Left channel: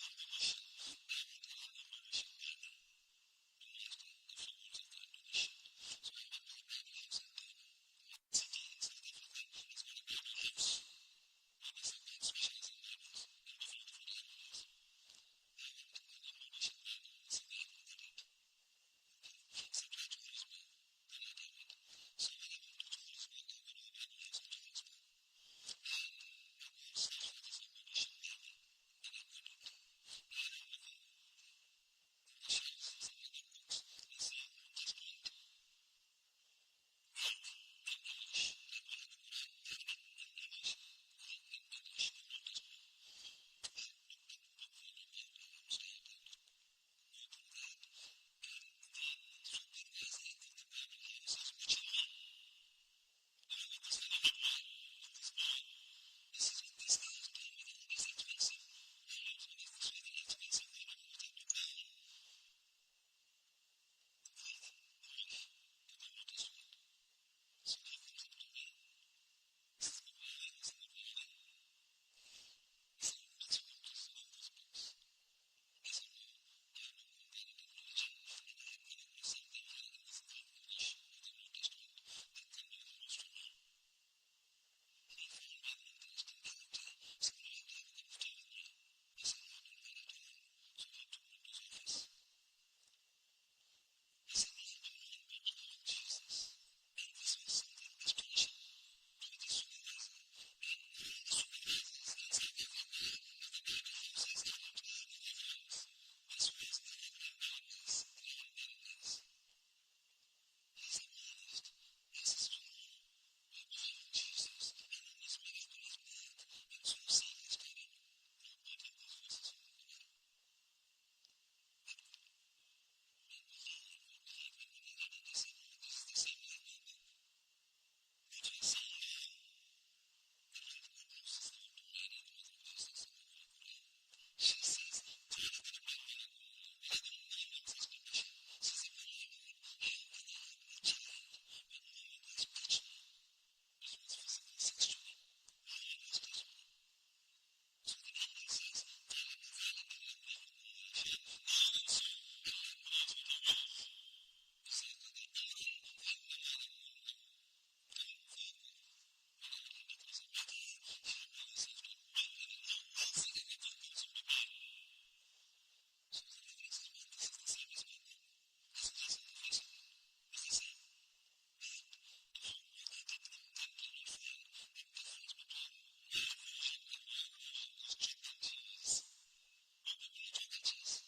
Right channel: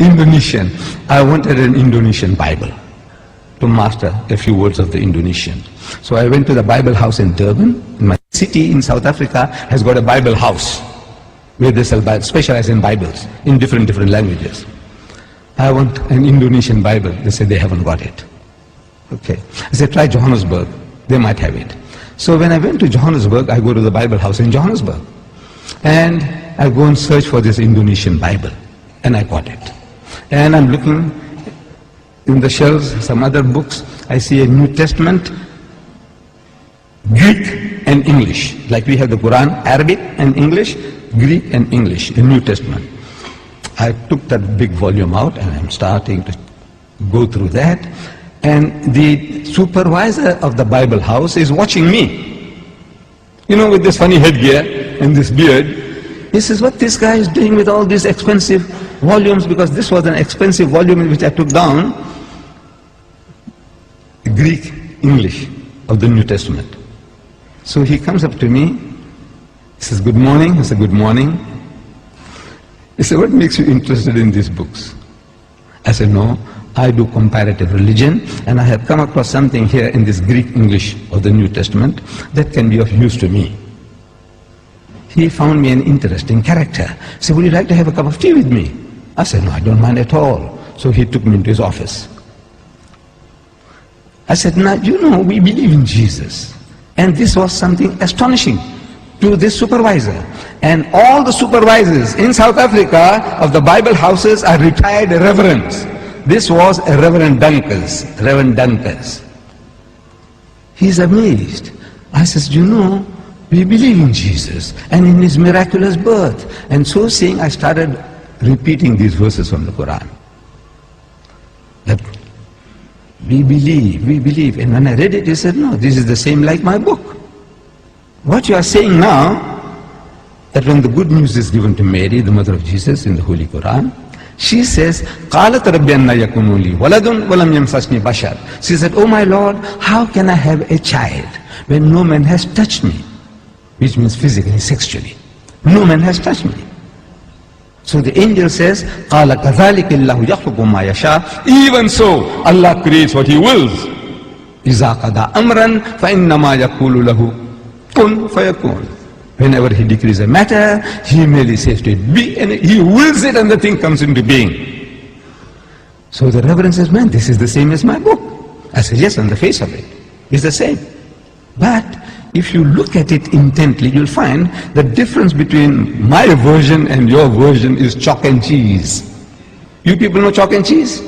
Indonesian. I wanted an Indonesian Bible to master a few words of the Indonesian. So I went to the Bible house in Durban. My city in South Africa has got a Bible house where they sell Bibles, specialize in Bibles in different languages. I want an Indonesian Bible. They said they haven't got it. Okay. I said, try Johannesburg. They might have it. So when I went to Johannesburg, I go to the Bible house in Johannesburg. And I go and search for this Indonesian Bible. And I got it. And I'm looking in the shelves, some other books. I see a New Testament, Greek and English. Like we have the Quran, Arabic and English, Greek and English, the New Testament. I took that big volume out and I'm starting to go through that. And the supervisor of the Bible house is watching me. You know, with this funny headgear and this beard. He says, what this guy is doing with all these expensive volumes, because this was an expensive volume which I took down, Greek, English of the New Testament. So he comes up to me, he says, good morning. I said, good morning. He said, what makes you interested in these books? I said, no, I do comparative religion, and I have come across something here in this Greek English of the New Testament that can be of use to me. He found me an interesting character. He said, would you like to have a cup of tea with me? I said, no, I don't mind at all. So he took me into his office. I said, now, you know, we believe in Jesus. And this was something astonishing to this supervisor. And all the supervisors in South Africa of the Bible houses are retired reverends. This was a Reverend Dunkers. He's amazed. I says, you know, we believe in Jesus and in his miraculous birth. And so saying, I started repeating these verses from the Quran. That we believe. And when I read it, he said, no, this is the same like my book. What you are saying now, that when the good news is given to Mary, the mother of Jesus, in the Holy Quran, she says, قَالَتْ رَبِّ أَنَّ يَكُونُ لِي وَلَدٌ وَلَمْ يَمْسَسْنِي بَشَرٌ. She said, oh my Lord, how can I have a child when no man has touched me? Which means physically, sexually. No man has touched me. So the angel says, قَالَ كَذَلِكَ اللَّهُ يَخْلُقُ مَا يَشَاءُ. Even so, Allah creates what He wills. إِذَا قَضَى أَمْرًا فَإِنَّمَا يَقُولُ لَهُ كُن فَيَكُونُ. Whenever He decrees a matter, He merely says to it, be, and He wills it and the thing comes into being. So the Reverend says, man, this is the same as my book. I said, yes, on the face of it, it's the same. But if you look at it intently, you'll find the difference between my version and your version is chalk and cheese. You people know chalk and cheese?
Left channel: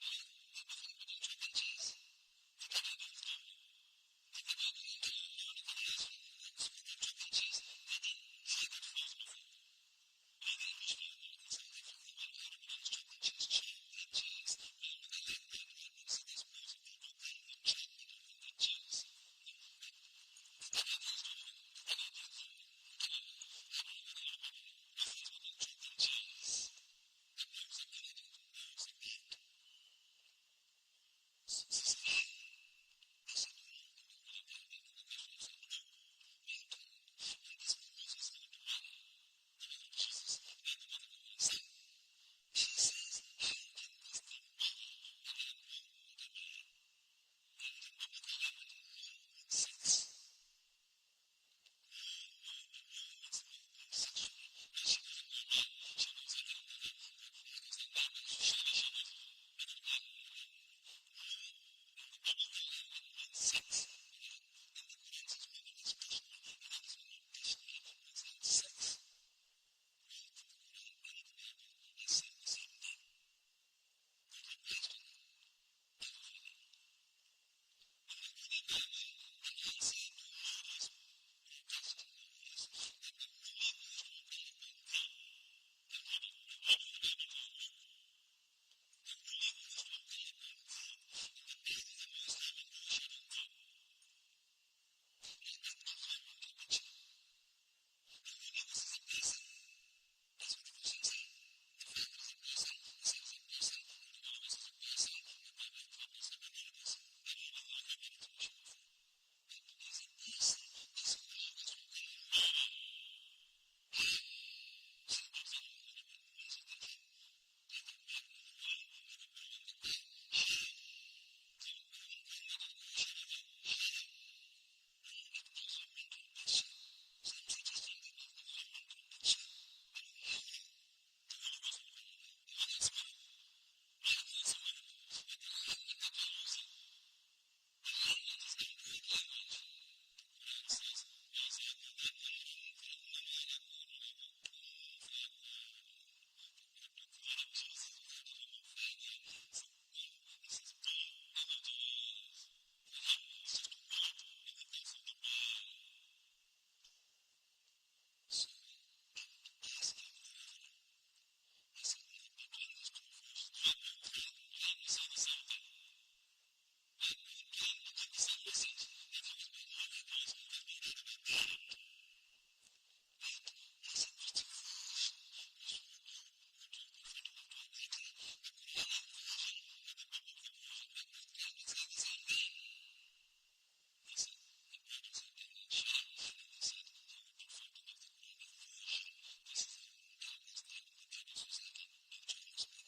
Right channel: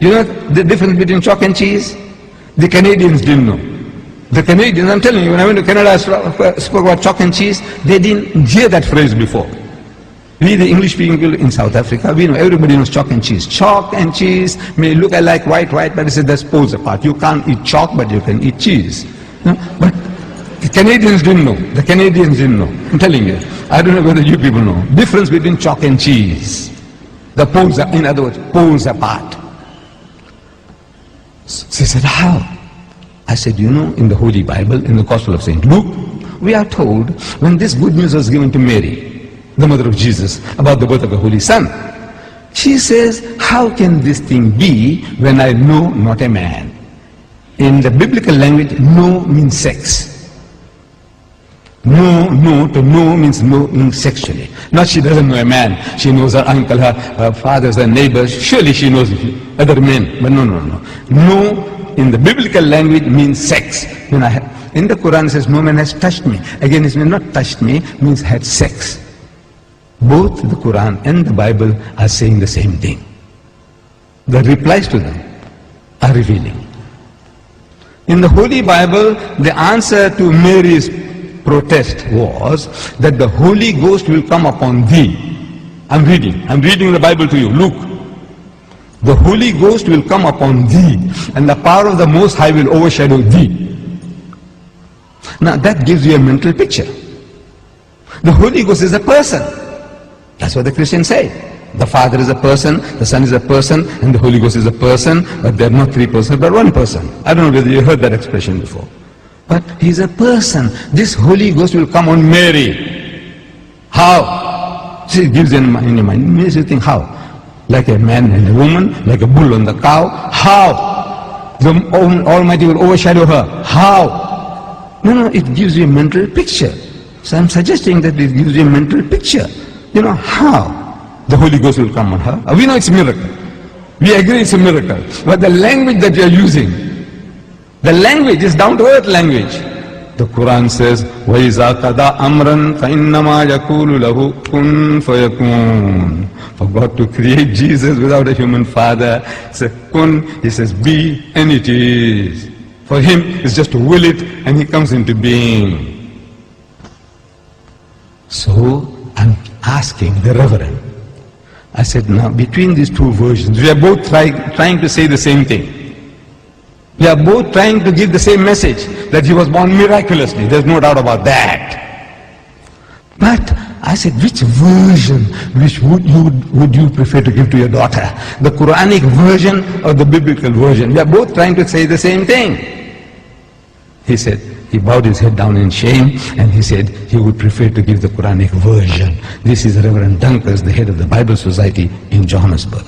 You know the difference between chalk and cheese? The Canadians didn't know. The Canadians, I'm telling you, when I went to Canada, I spoke about chalk and cheese. They didn't hear that phrase before. We, the English people in South Africa, we know, everybody knows chalk and cheese. Chalk and cheese may look like white, but it's that's poles apart. You can't eat chalk, but you can eat cheese. You know? But the Canadians didn't know. The Canadians didn't know. I'm telling you. I don't know whether you people know. Difference between chalk and cheese. The poles are, in other words, poles apart. She said, how? I said, you know, in the Holy Bible, in the Gospel of St. Luke, we are told when this good news was given to Mary, the mother of Jesus, about the birth of the Holy Son, she says, how can this thing be when I know not a man? In the biblical language, no means sex. No to know means no sexually. Not she doesn't know a man. She knows her uncle, her fathers, her neighbors. Surely she knows other men. But no. No in the biblical language means sex. In the Quran it says, no man has touched me. Again, it means not touched me, means had sex. Both the Quran and the Bible are saying the same thing. The replies to them are revealing. In the Holy Bible, the answer to Mary's protest was that the Holy Ghost will come upon thee. I'm reading the Bible to you. Luke. The Holy Ghost will come upon thee, and the power of the Most High will overshadow thee. Now that gives you a mental picture. The Holy Ghost is a person. That's what the Christians say. The Father is a person, the Son is a person, and the Holy Ghost is a person, but they're not three persons, but one person. I don't know whether you heard that expression before. But He's a person. This Holy Ghost will come on Mary. How? See, it gives in your mind. It makes you think, how? like a man and a woman, like a bull and the cow. How? The Almighty will overshadow her. How? No, it gives you a mental picture. So I'm suggesting that it gives you a mental picture. You know, how the Holy Ghost will come on her. We know it's a miracle. We agree it's a miracle. But the language that you're using, the language is down to earth language. The Quran says, وَإِذَا قَضَى أَمْرًا فَإِنَّمَا يَقُولُ لَهُ كُن فَيَكُونُ. For God to create Jesus without a human father, says kun, he says be, and it is. For him, it's just to will it, and he comes into being. So, I'm asking the Reverend, I said, now between these two versions, we are both trying to say the same thing. We are both trying to give the same message, that he was born miraculously. There's no doubt about that. But I said, which version would you prefer to give to your daughter? The Quranic version or the biblical version? We are both trying to say the same thing. He said, he bowed his head down in shame, and he said he would prefer to give the Quranic version. This is Reverend Dunkers, the head of the Bible Society in Johannesburg.